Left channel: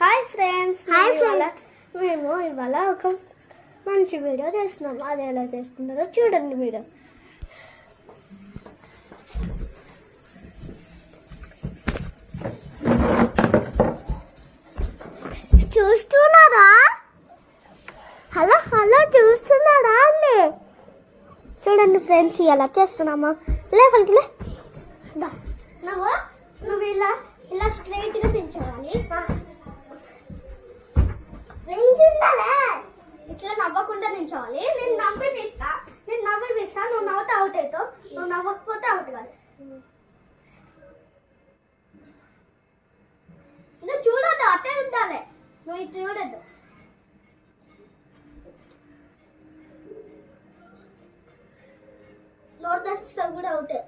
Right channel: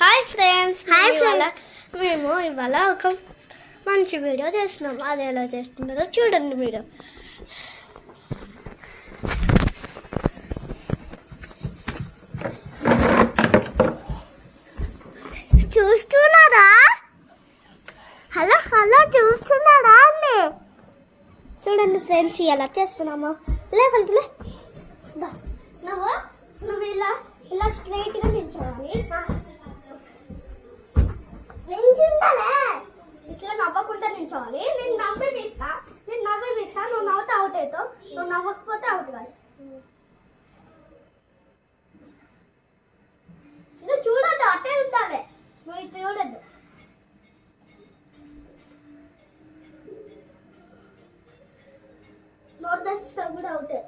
Hi friends, మేము ఇవాళ ఒక మంచి వీడియో చేస్తున్నాం. అది ఎలా చేస్తున్నారో చూడండి మీరు. చూస్తున్నారా? హలో హలో చూస్తున్నారా అండి? చూడండి ఫ్రెండ్స్, ఎలా చేస్తున్నామా. లేకపోతే నువ్వు ఇలా ఇలా స్ట్రైట్గా నిల్చోవాలి. ఇట్లా నవ్వకుండా నిల్చోవాలి. నేను నవ్విపిస్తా, నువ్వు నవ్వుతా అవుట్ అవుతావు. నువ్వు నవ్వకపోతే అవుట్ కాదు. నువ్వు చూడద్దు, అట్టే ఉండాలి. నువ్వు ఇది చూడద్దు. నోట్ దర్శిస్తావు కూడా అవుటే.